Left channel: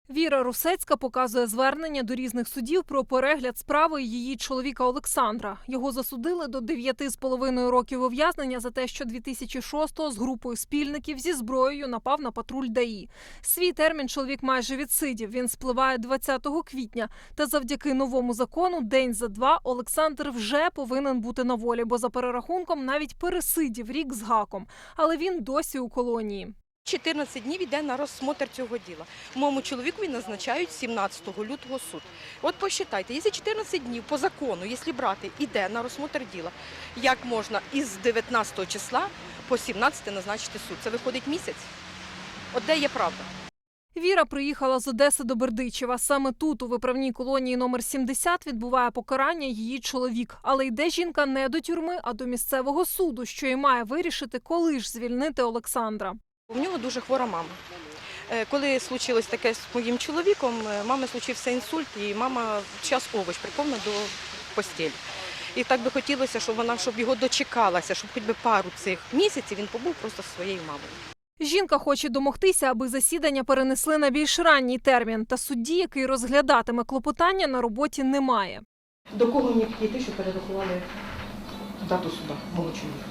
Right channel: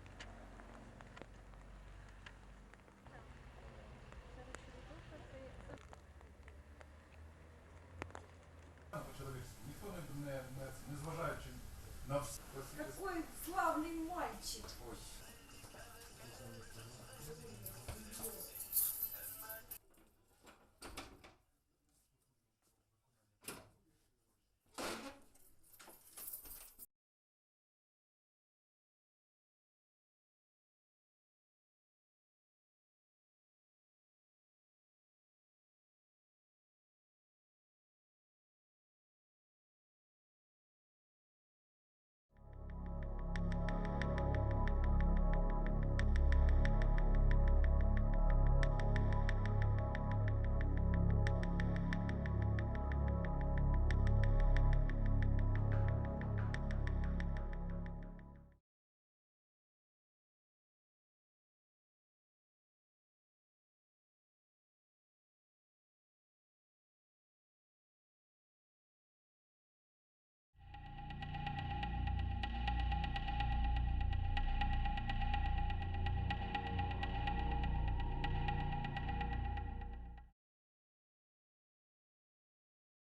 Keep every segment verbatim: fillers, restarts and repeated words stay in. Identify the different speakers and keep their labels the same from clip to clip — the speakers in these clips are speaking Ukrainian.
Speaker 1: Віра Русецька показує звернення до різних судів про перегляд справи її чоловіка Олександра. Його засудили до дев'яти з половиною років ув'язнення за те, що дві тисячі шостого з групою спільників зі зброєю напав на патруль ДАІ. Свій термін чоловік майже відсидів. Він спливає двадцятого квітня. Та завдяки новому закону день за два Олександр вже повинен бути на волі, бо за перерахунком навіть пересидів рік з гаком. Але він досі у колонії.
Speaker 2: чотирнадцять днів йде на розсмотр цього діла. Моєму чоловікові назначають сімнадцятого лютого суд. От посчитайте, якщо чотирнадцять днів по закону, якщо брати, йде на розсмотр діла, як можна із дев'ятнадцятого числа по сімнадцяте назначити суд? Це виходить місяць? От де є правда?
Speaker 1: Віра приїхала з Одеси до Бердичева. Саме тут, у виправній колонії номер сімдесят, відбуває покарання її чоловік. Але йде жінка не до тюрми, а до місцевого суду, що і має вирішити, коли ж звільнити Олександра.
Speaker 2: У нього дуже хвора мама. Е, Коли случилось таке з моїм чоловіком, е, мами случився інсульт, і мама час овоч прикована до постелі. І так би хотілося, щоб вона щоб його дочекалася, щоб хоч би пару цих місяців він побув просто зі своєю мамою.
Speaker 1: Жінка хоче домогтися, аби засідання перенесли на більш ранній термін. Та судді, який розглядатиме клопотання, на роботі немає.
Speaker 2: До кого мені підійти, щоб перерахували дату суда мого чоловіка?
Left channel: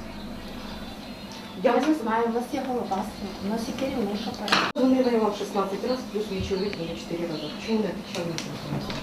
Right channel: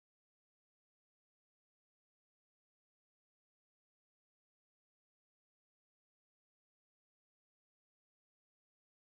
Speaker 3: Я не знаю, у нас є голова, у нас є керівник апарату.
Speaker 2: Дзвонила я вам шістнадцять разів, плюс мій чоловік мені чотири рази. Чому не відповідали на телефон?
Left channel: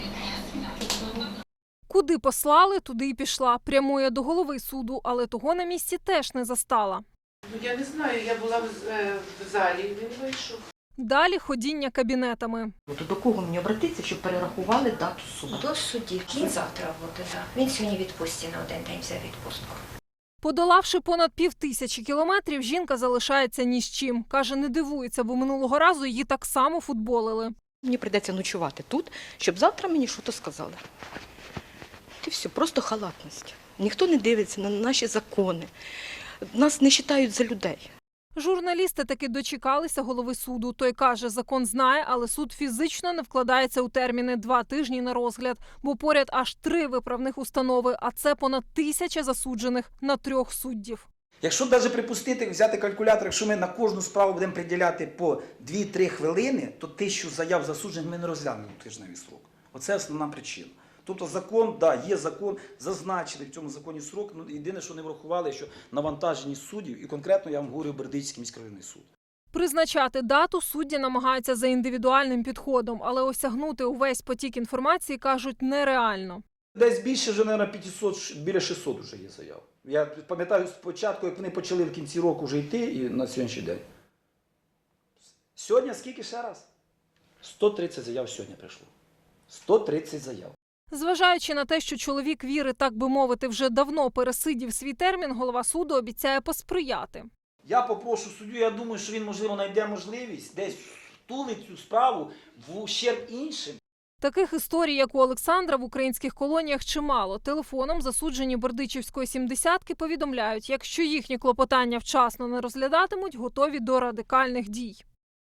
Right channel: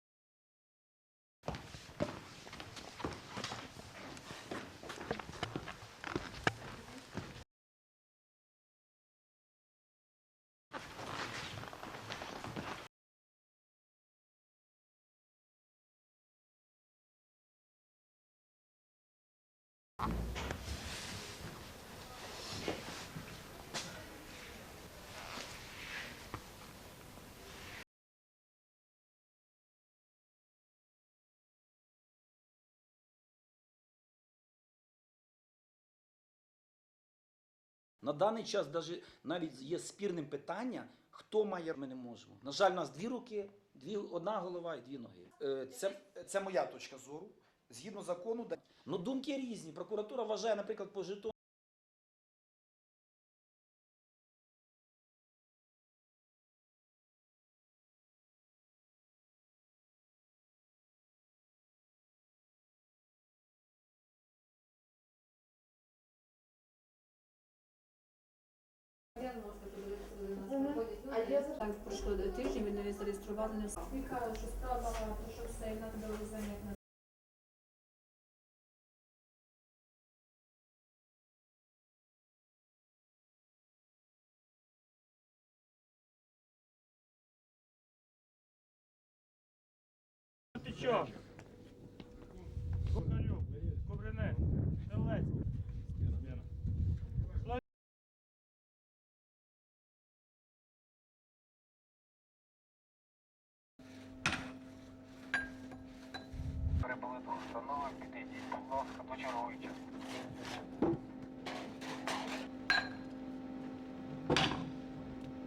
Speaker 1: Куди послали, туди й пішла. Прямує до голови суду, але того на місці теж не застала.
Speaker 4: Ну, я не знаю, я була в, е, в залі, він вийшов.
Speaker 1: Далі ходіння кабінетами.
Speaker 2: То до кого мені обратитися, щоб перерахували дату суду?
Speaker 5: До судді. Він завтра буде, так. Він сьогодні відпустці на один день взяв відпустку.
Speaker 1: Подолавши понад пів тисячі кілометрів, жінка залишається ні з чим. Каже, не дивується, бо минулого разу її так само футболили.
Speaker 2: Мені прийдеться ночувати тут, щоб завтра мені щось сказали. І все, просто халатність. Ніхто не дивиться на наші закони. Нас не вважають за людей.
Speaker 1: Журналісти таки дочекалися голови суду. Той каже, закон знає, але суд фізично не вкладається у терміни два тижні на розгляд. Бо поряд аж три виправних установи, а це понад тисяча засуджених на трьох суддів.
Speaker 6: Якщо навіть припустити, взяти калькулятор, якщо ми на кожну справу будемо приділяти по дві-три хвилини, то тисячу заяв засуджених ми не розглянемо у тижневий срок. Оце основна причина. Тобто закон, да, є закон, зазначили в цьому законі срок, ну, єдине, що не врахували, що навантаженість суддів, і конкретно я вам говорю Бердичівський міськрайонний суд.
Speaker 1: Призначати дату судді намагаються за індивідуальним підходом, але осягнути увесь потік інформації, кажуть, нереально.
Speaker 6: Десь більше вже, мабуть, п'ятсот, біля шістсот вже є заяв. Я пам'ятаю спочатку, як вони почали в кінці року вже йти, і на сьогоднішній день. Сьогодні скільки ще раз? сто тридцять заяв сьогодні прийшло. сто тридцять заяв.
Speaker 1: Зважаючи на те, що чоловік Віри, так би мовити, вже давно пересидів свій термін, голова суду обіцяє посприяти.
Speaker 6: Я попрошу суддю, я думаю, що він, можливо, знайде можливість десь втулить цю справу в ущерб іншим.
Speaker 1: Таких історій, як у Олександра, в українських колоніях чимало. Телефоном засуджені Бердичівської сімдесятки повідомляють, якщо їхні клопотання вчасно не розглядатимуть, готові до радикальних дій.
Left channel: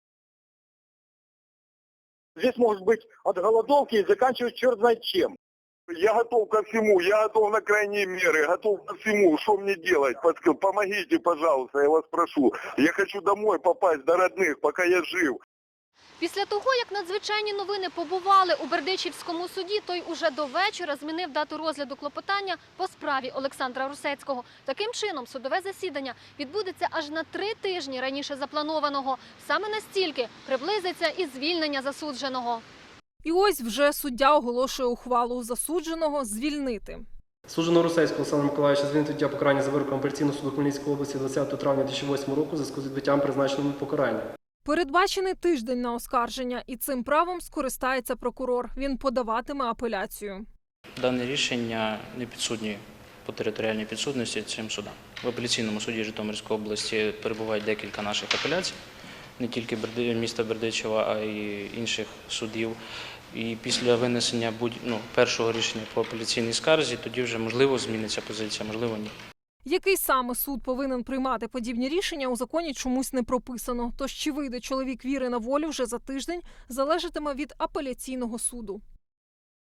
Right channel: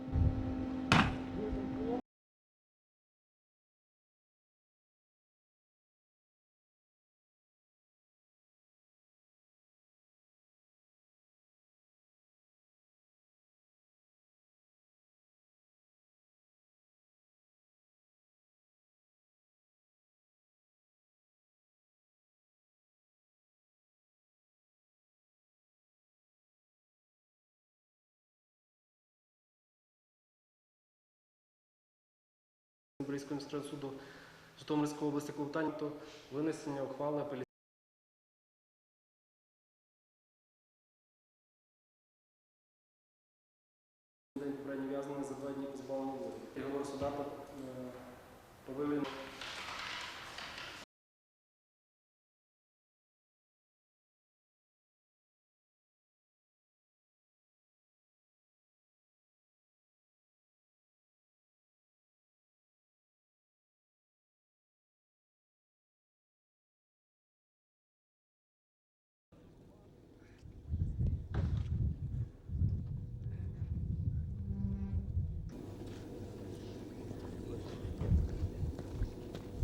Speaker 7: Здесь может быть от голодовки и заканчивать черт знает чем. Я готов ко всему, я готов на крайние меры, готов ко всему. Что мне делать? Помогите, пожалуйста, я вас прошу. Я хочу домой попасть до родных, пока я жив.
Speaker 8: Після того, як надзвичайні новини побували у Бердичівському суді, той уже до вечора змінив дату розгляду клопотання по справі Олександра Русецького. Таким чином, судове засідання відбудеться аж на три тижні раніше запланованого. Саме настільки приблизиться і звільнення засудженого.
Speaker 1: І ось вже суддя оголошує ухвалу засудженого звільнити.
Speaker 9: Судженого Русецького Олександра Миколаївича звільнити від покарання за вироком апеляційного суду Хмельницької області двадцятого травня дві тисячі восьмого року у зв'язку з відбиттям призначеного покарання.
Speaker 1: Передбачений тиждень на оскарження, і цим правом скористається прокурор. Він подаватиме апеляцію.
Speaker 10: Дане рішення не підсудні по територіальній підсудності цим судам. В апеляційному суді Житомирської області перебувають декілька наших апеляцій, не тільки міста Бердичева, а й інших судів. І після винесення будь, ну, першого рішення по апеляційній скарзі, тоді вже можливо зміниться позиція, можливо ні.
Speaker 1: Який саме суд повинен приймати подібні рішення, у законі чомусь не прописано. Тож чи вийде чоловік Віри на волю вже за тиждень, залежатиме від апеляційного суду.